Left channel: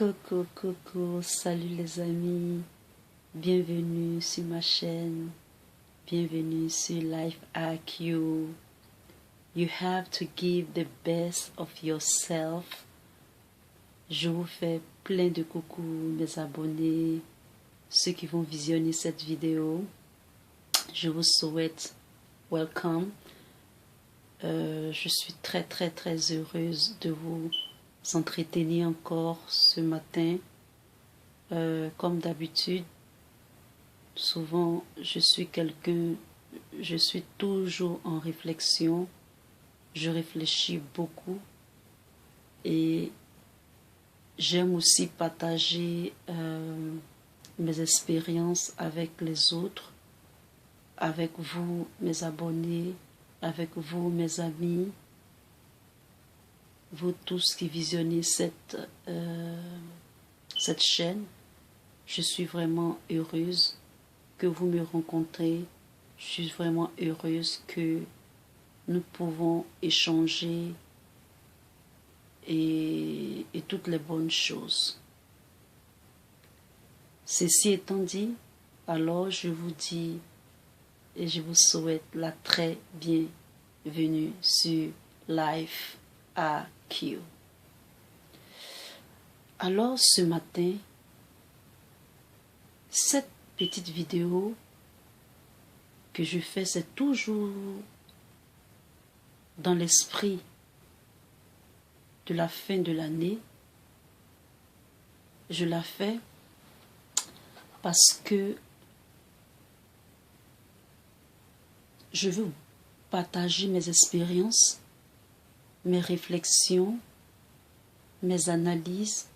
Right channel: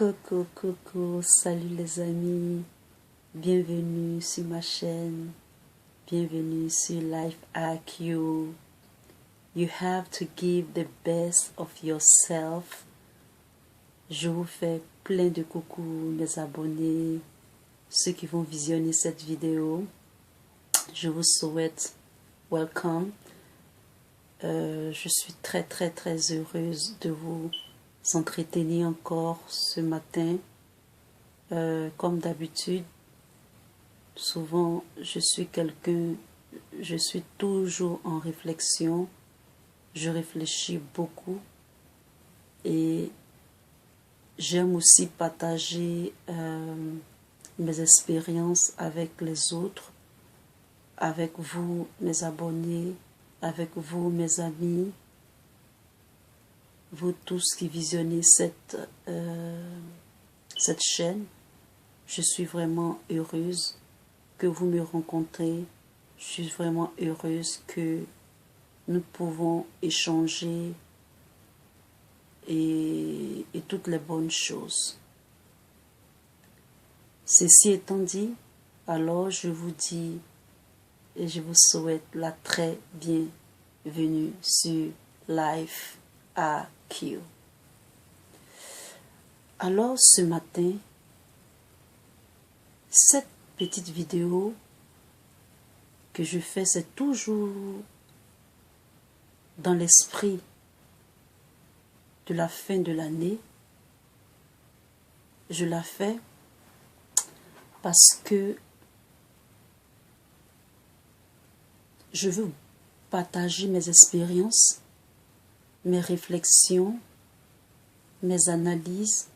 Coucou, coucou, salut les amis, bienvenue sur ma chaîne, bienvenue sur Life Hack You. You have to give the best of yourself. Je vous fais plein de coucou mes abonnés, ceux qui vont visionner cette vidéo. Je vous souhaite welcome. Je suis très heureuse de vous entretenir encore ce matin. Comme d'habitude, souvent je suis toujours en réflexion. Je réfléchis beaucoup et j'aime aussi partager mes expériences avec les autres, avec vous mes abonnés, avec vous mes amis, vous tous qui visionnez cette chaîne. Je suis vraiment heureuse que vous me rencontrez. Je suis vraiment heureuse que nous pouvons échanger et toutes les bonnes choses. Ceci étant dit, alors je vous dis et je vous souhaite la très bienvenue sur Life Hack You. Alors ce matin, cette petite vidéo que je fais, c'est toujours dans l'esprit de la fin de l'année. Je la fais parce que je veux partager mes expériences, mes réflexions, mes analyses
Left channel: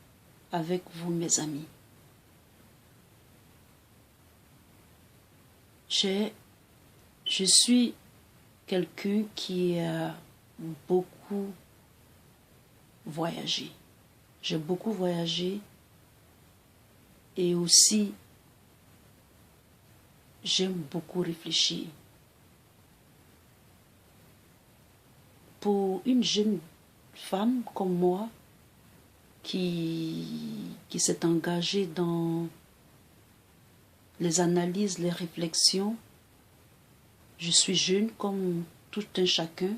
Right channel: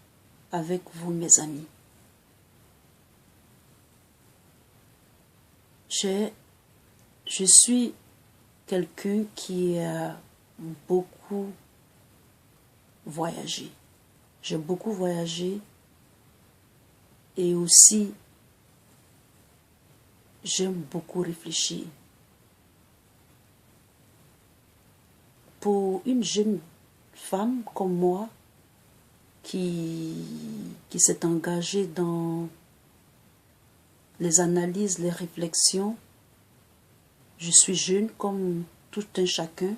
avec vous, mes amis. Je suis quelqu'un qui a beaucoup voyagé. J'ai beaucoup voyagé et aussi j'aime beaucoup réfléchir. Pour une jeune femme comme moi qui s'est engagée dans les analyses, les réflexions, je suis jeune comme tout un chacun.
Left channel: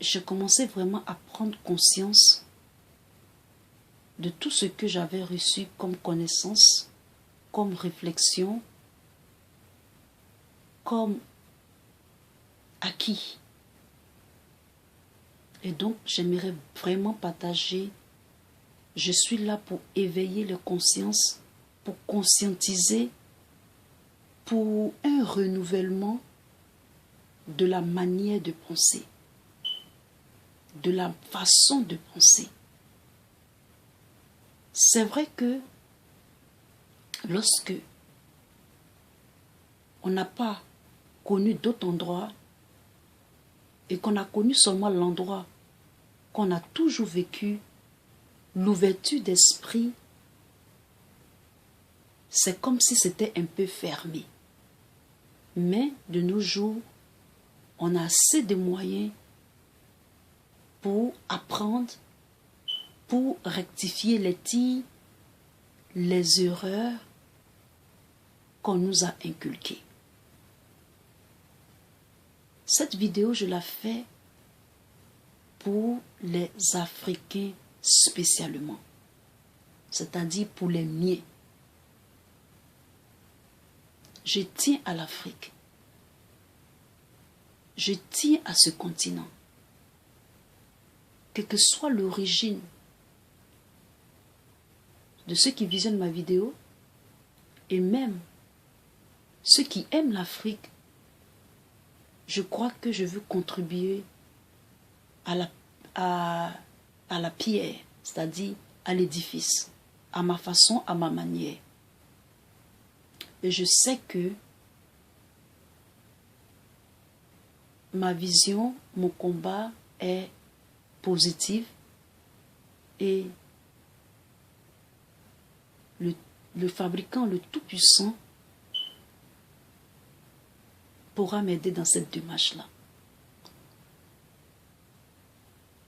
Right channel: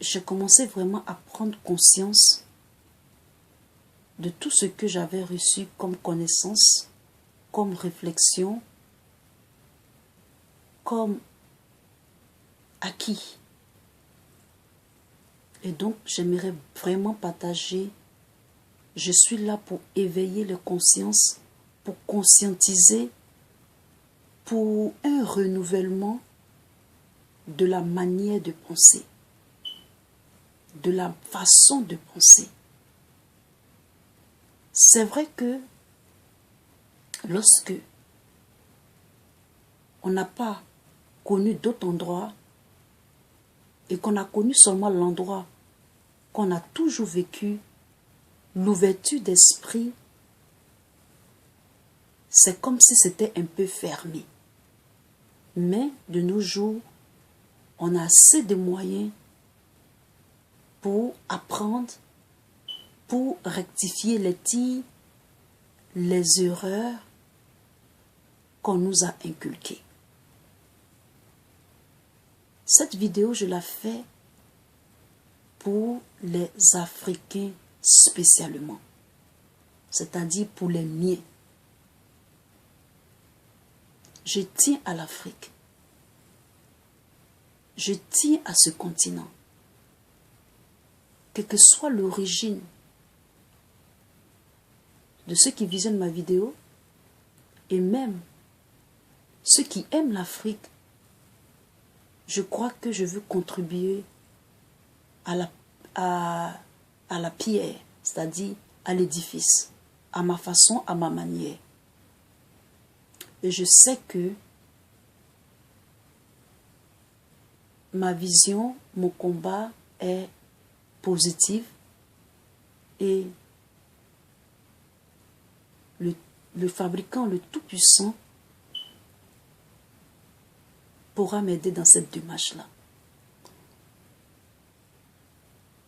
J'ai commencé vraiment à prendre conscience de tout ce que j'avais reçu comme connaissance, comme réflexion, comme acquis. Et donc, j'aimerais vraiment partager. Je suis là pour éveiller les consciences, pour conscientiser, pour un renouvellement de la manière de penser, de la façon de penser. C'est vrai que lorsque on n'a pas connu d'autres endroits et qu'on a connu seulement l'endroit qu'on a toujours vécu, l'ouverture d'esprit, c'est comme si c'était un peu fermé. Mais de nos jours, on a assez de moyens pour apprendre, pour rectifier les tirs, les erreurs qu'on nous a inculquées. Cette vidéo, je la fais pour les Africains spécialement, c'est-à-dire pour les miens. Je tiens à l'Afrique. Je tiens à ce continent. Quelle que soit l'origine de ceux qui visionnent ma vidéo, et même ceux qui aiment l'Afrique, je crois que je veux contribuer à la pierre, c'est-à-dire à l'édifice, à ma façon, à ma manière. Et je sais que ma vision, mon combat est positif et le fabricant, le Tout-Puissant, pourra m'aider dans cette démarche-là.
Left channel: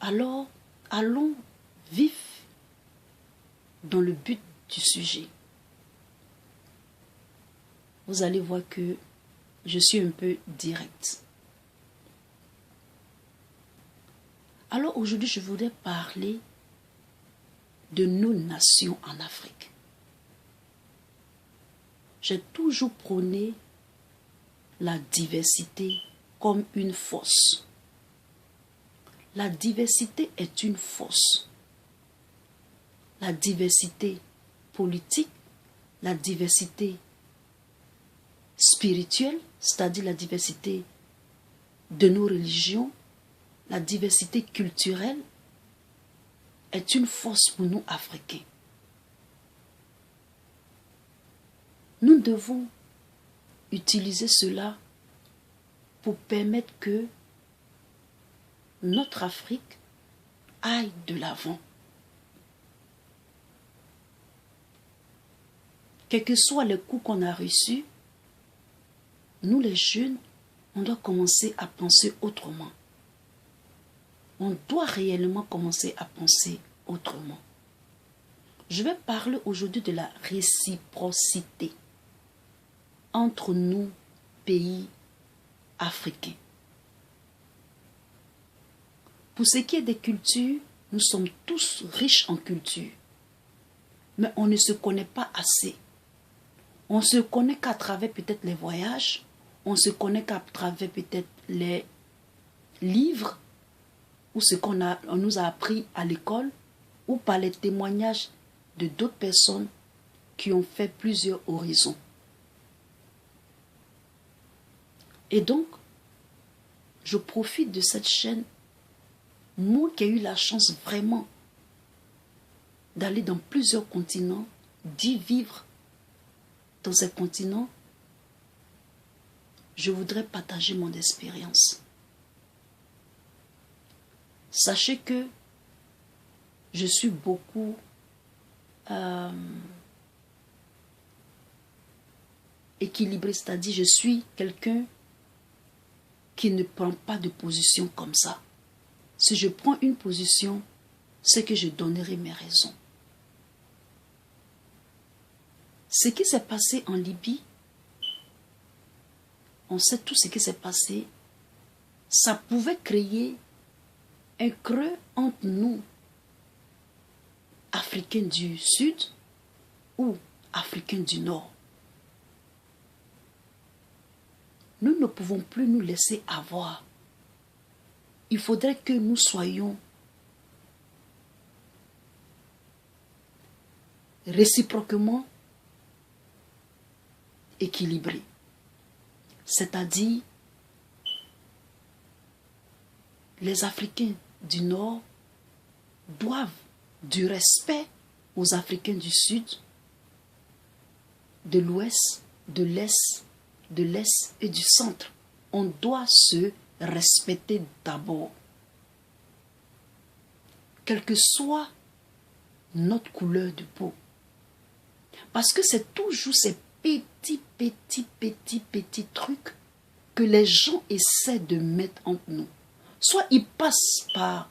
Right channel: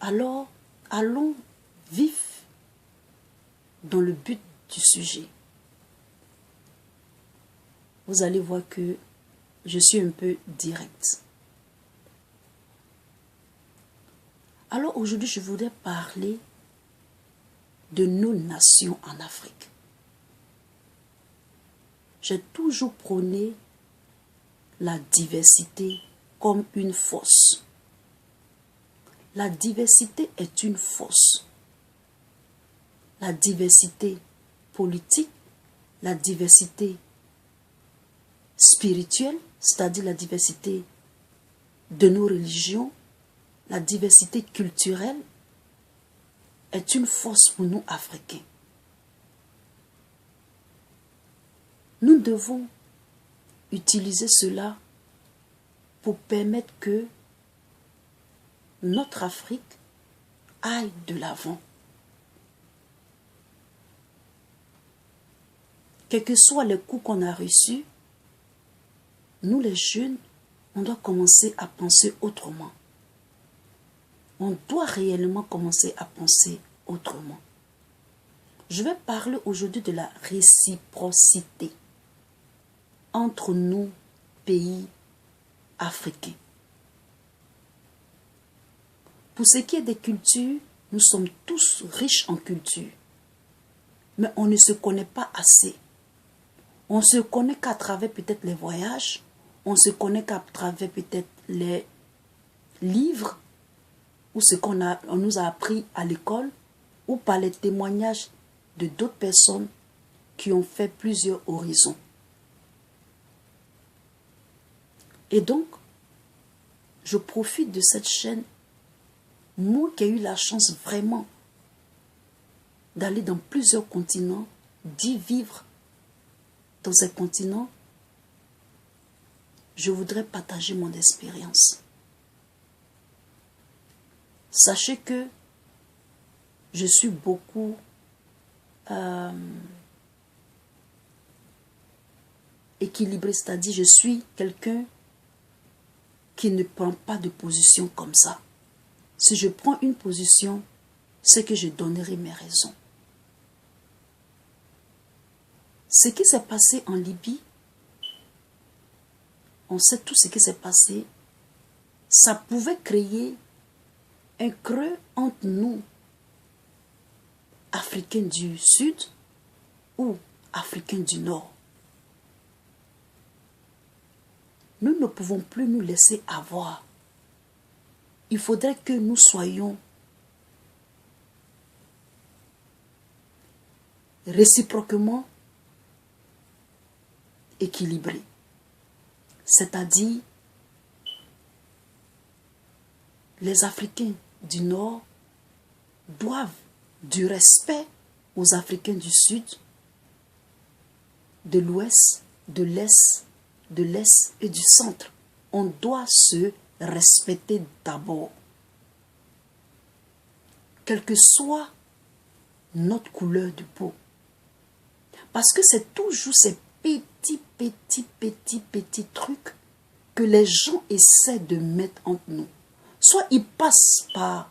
Alors, allons vif dans le but du sujet. Vous allez voir que je suis un peu directe. Alors aujourd'hui, je voudrais parler de nos nations en Afrique. J'ai toujours prôné la diversité comme une force. La diversité est une force. La diversité politique, la diversité spirituelle, c'est-à-dire la diversité de nos religions, la diversité culturelle, est une force pour nous, Africains. Nous devons utiliser cela pour permettre que notre Afrique aille de l'avant. Quels que soient les coups qu'on a reçus, nous les jeunes, on doit commencer à penser autrement. On doit réellement commencer à penser autrement. Je vais parler aujourd'hui de la réciprocité entre nous, pays africains. Pour ce qui est des cultures, nous sommes tous riches en culture. Mais on ne se connaît pas assez. On ne se connaît qu'à travers peut-être les voyages, on se connaît qu'à travers peut-être les livres, ou ce qu'on nous a appris à l'école, ou par les témoignages de d'autres personnes qui ont fait plusieurs horizons. Et donc, je profite de cette chaîne, moi qui ai eu la chance vraiment d'aller dans plusieurs continents, d'y vivre dans ces continents, je voudrais partager mon expérience. Sachez que je suis beaucoup équilibrée, c'est-à-dire je suis quelqu'un qui ne prend pas de position comme ça. Si je prends une position, c'est que je donnerai mes raisons. Ce qui s'est passé en Libye, on sait tout ce qui s'est passé, ça pouvait créer un creux entre nous, Africains du Sud ou Africains du Nord. Nous ne pouvons plus nous laisser avoir. Il faudrait que nous soyons réciproquement équilibrés. C'est-à-dire, les Africains du Nord doivent du respect aux Africains du Sud, de l'Ouest, de l'Est et du Centre. On doit se respecter d'abord. Quelle que soit notre couleur de peau. Parce que c'est toujours ces petits trucs que les gens essaient de mettre entre nous. Soit ils passent par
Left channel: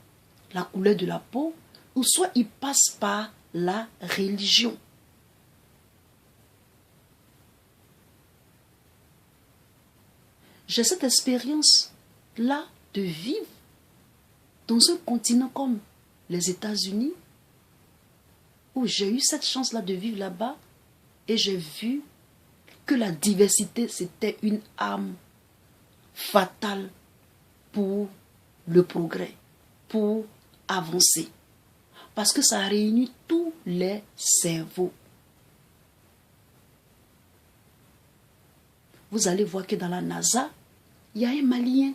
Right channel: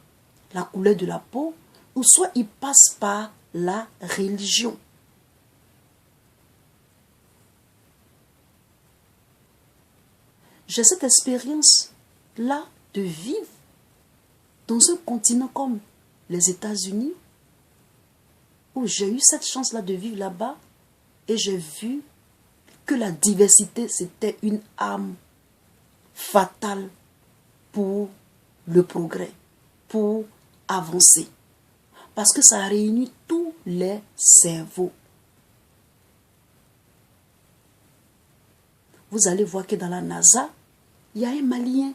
la couleur de la peau, ou soit ils passent par la religion. J'ai cette expérience-là de vivre dans un continent comme les États-Unis, où j'ai eu cette chance-là de vivre là-bas, et j'ai vu que la diversité, c'était une arme fatale pour le progrès, pour avancer. Parce que ça réunit tous les cerveaux. Vous allez voir que dans la NASA, il y a un Malien.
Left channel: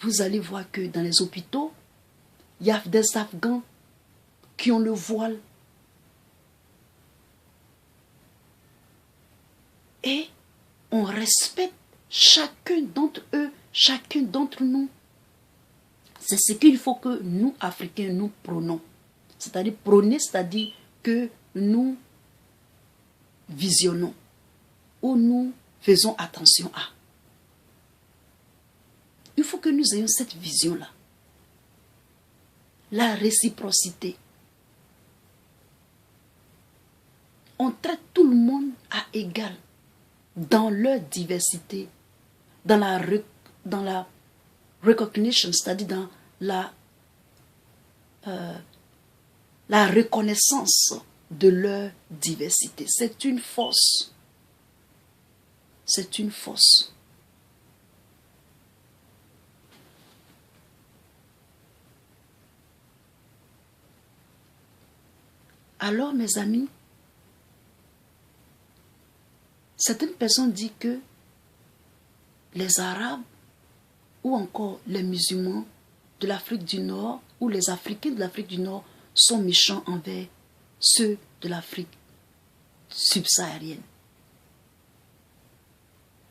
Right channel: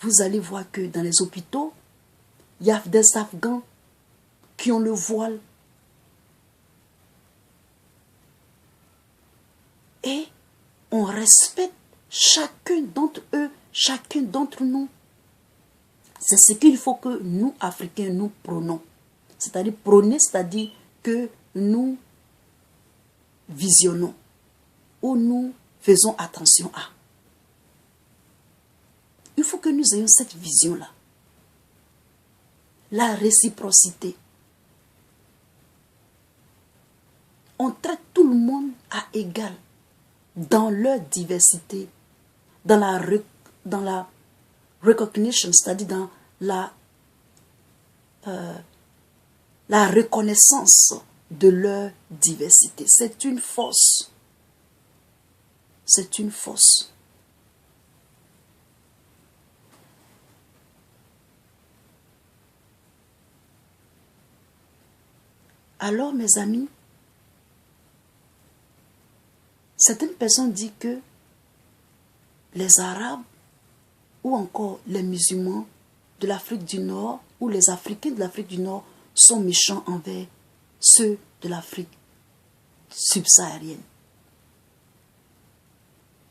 Vous allez voir que dans les hôpitaux, il y a des Afghans qui ont le voile. Et on respecte chacun d'entre eux, chacun d'entre nous. C'est ce qu'il faut que nous, Africains, nous prônons. C'est-à-dire prôner, c'est-à-dire que nous visionnons ou nous faisons attention à. Il faut que nous ayons cette vision-là. la réciprocité. On traite tout le monde à égal dans leur diversité, dans la recognition, c'est-à-dire dans la reconnaissance de leur diversité. C'est une force. C'est une force. Alors, mes amis, certaines personnes disent que les Arabes ou encore les musulmans de l'Afrique du Nord ou les Africains de l'Afrique du Nord sont méchants envers ceux de l'Afrique subsaharienne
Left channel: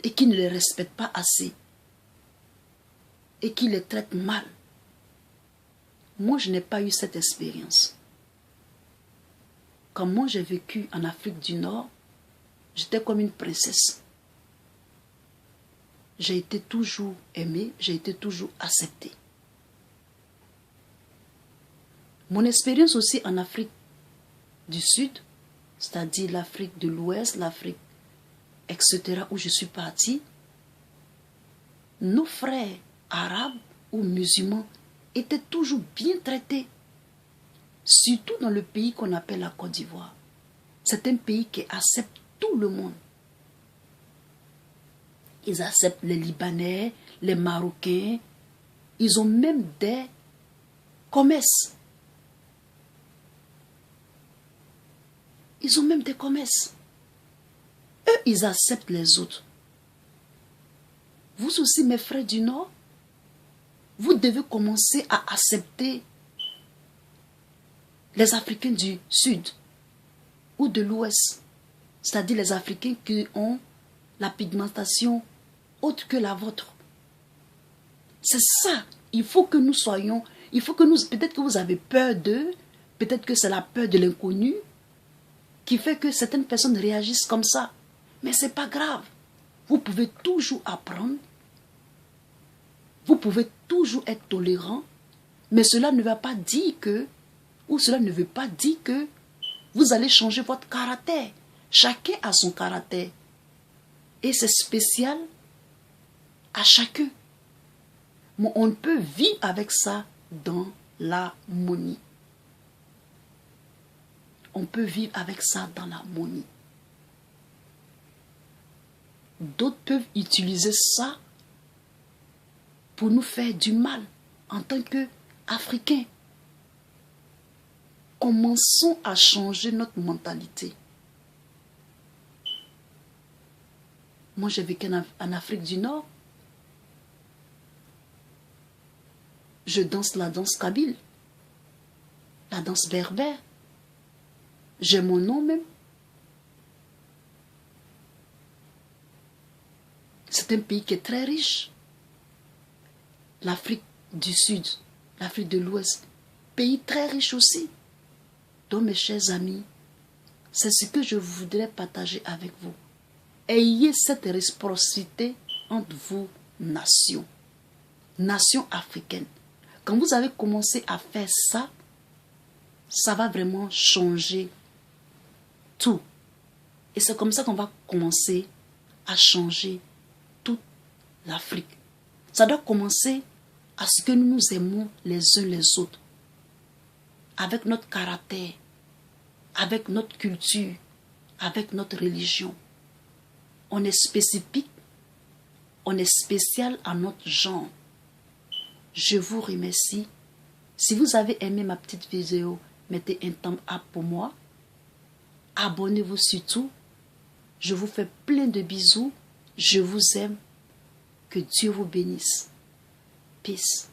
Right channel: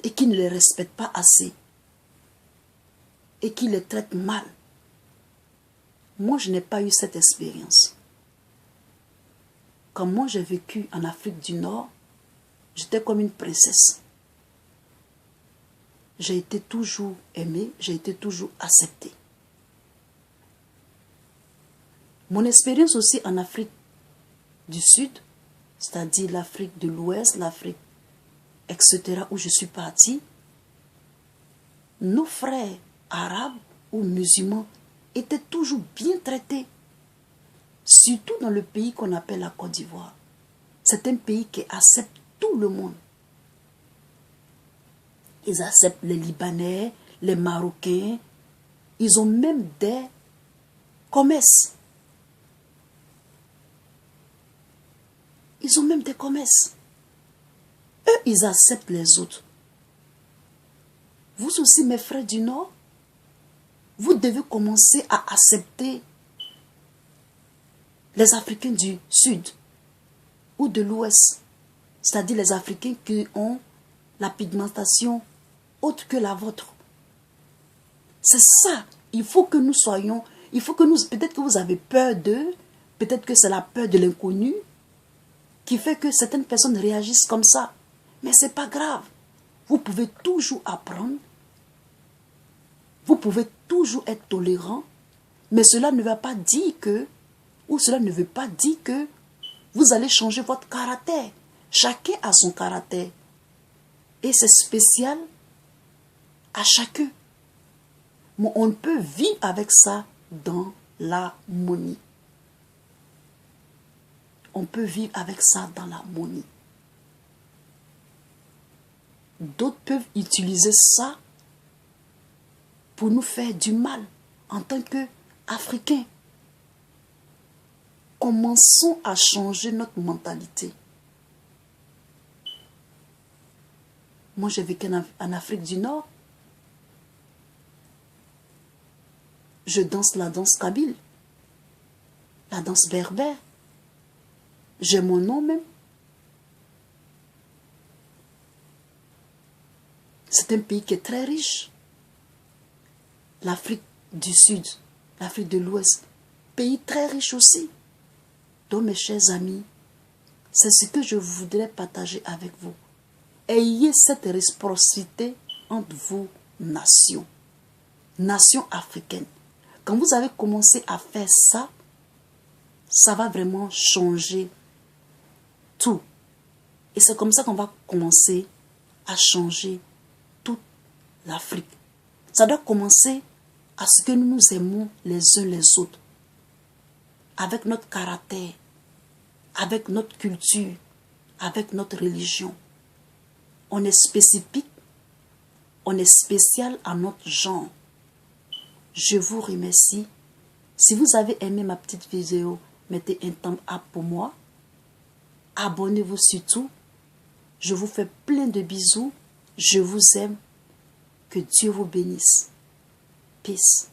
et qui ne les respectent pas assez et qui les traitent mal. Moi, je n'ai pas eu cette expérience. Quand moi j'ai vécu en Afrique du Nord, j'étais comme une princesse. J'ai été toujours aimée, j'ai été toujours acceptée. Mon expérience aussi en Afrique du Sud, c'est-à-dire l'Afrique de l'Ouest, l'Afrique, etc., où je suis partie, nos frères arabes ou musulmans étaient toujours bien traités, surtout dans le pays qu'on appelle la Côte d'Ivoire. C'est un pays qui accepte tout le monde. Ils acceptent les Libanais, les Marocains. Ils ont même des commerces. Ils ont même des commerces. Eux, ils acceptent les autres. Vous aussi, mes frères du Nord, vous devez commencer à accepter les Africains du Sud ou de l'Ouest, c'est-à-dire les Africains qui ont la pigmentation autre que la vôtre. C'est ça. Il faut que nous soyons, peut-être que vous avez peur d'eux, peut-être que c'est la peur de l'inconnu qui fait que certaines personnes réagissent comme ça. Mais ce n'est pas grave. Vous pouvez toujours apprendre. Vous pouvez toujours être tolérant. Mais cela ne va pas dire que, ou cela ne veut pas dire que vous allez changer votre caractère. Chacun a son caractère. Et c'est spécial à chacun. Mais on peut vivre avec ça dans l'harmonie. On peut vivre avec ça dans l'harmonie. D'autres peuvent utiliser ça pour nous faire du mal en tant qu'Africains. Commençons à changer notre mentalité. Moi, j'ai vécu en Afrique du Nord. Je danse la danse kabyle, la danse berbère. J'ai mon nom même. C'est un pays qui est très riche. L'Afrique du Sud, l'Afrique de l'Ouest, pays très riche aussi. Donc mes chers amis, c'est ce que je voudrais partager avec vous. Ayez cette réciprocité entre vous, nations africaines. Quand vous avez commencé à faire ça, ça va vraiment changer tout. Et c'est comme ça qu'on va commencer à changer toute l'Afrique. Ça doit commencer à ce que nous nous aimons les uns les autres, avec notre caractère, avec notre culture, avec notre religion. On est spécifique, on est spécial à notre genre. Je vous remercie. Si vous avez aimé ma petite vidéo, mettez un thumbs up pour moi. Abonnez-vous surtout. Je vous fais plein de bisous. Je vous aime. Que Dieu vous bénisse. Peace.